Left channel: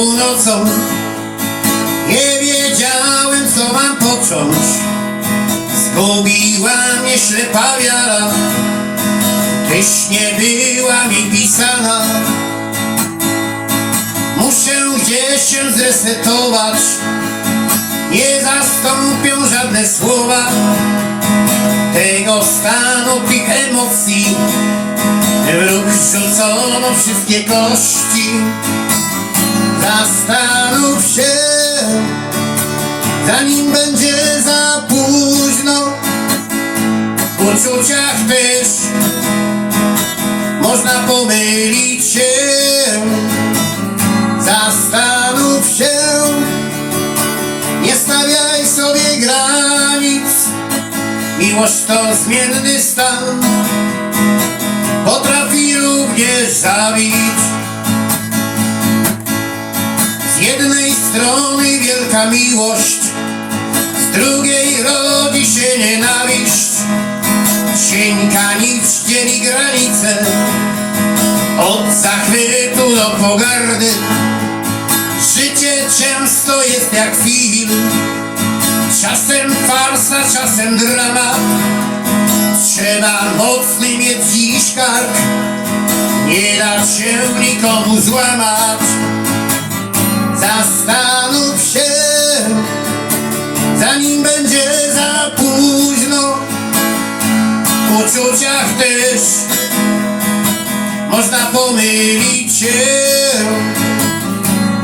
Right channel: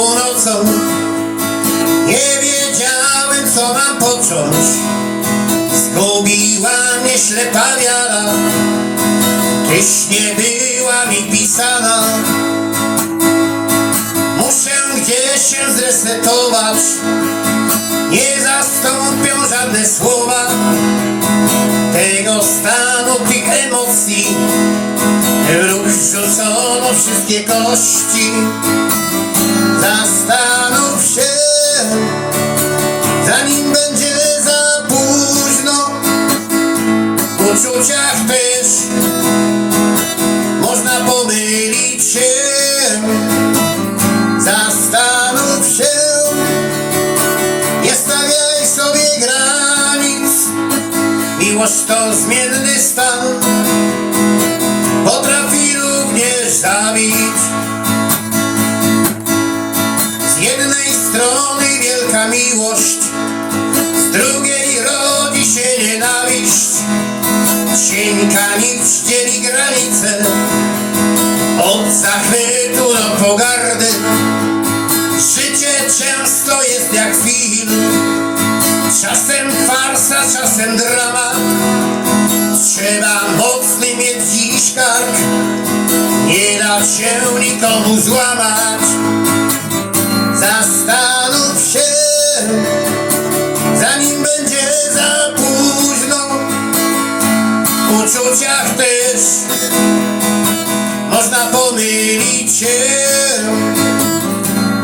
nocą Nie wiedziałem co mam począć. Zgubiła mnie ślepa wiara. Tyś nie była mi pisana. Muszę gdzieś się zresetować. Nie zastąpią żadne słowa Tego stanu tych emocji. Lub rzucono wszystkie kości Zastanów się Zanim będzie za późno. W uczuciach też Można pomylić się. Zastanów się Nie stawiaj sobie granic. Miłość to zmienny stan strony wielka miłość. Z drugiej rodzi się nienawiść. Cienka nić dzieli granice. Od zachwytu do pogardy. Życie często jest jak film. Czasem farsa, czasem dramat Trzeba mocny mieć dziś kark. Nie da się nikomu złamać pomylić się.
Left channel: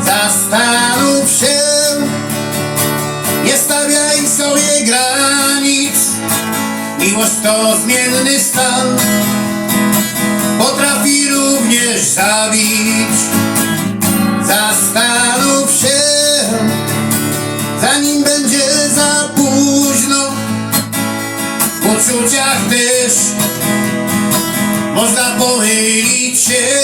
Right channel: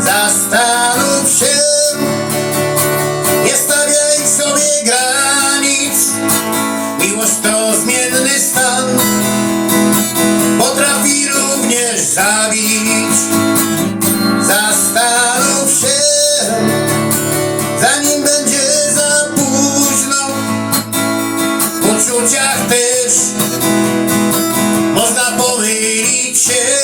Zastanów się. Nie stawiaj sobie granic. Miłość to zmienny stan. Potrafi również zabić. Zastanów się. Zanim będzie za późno. W uczuciach też Można pomylić się.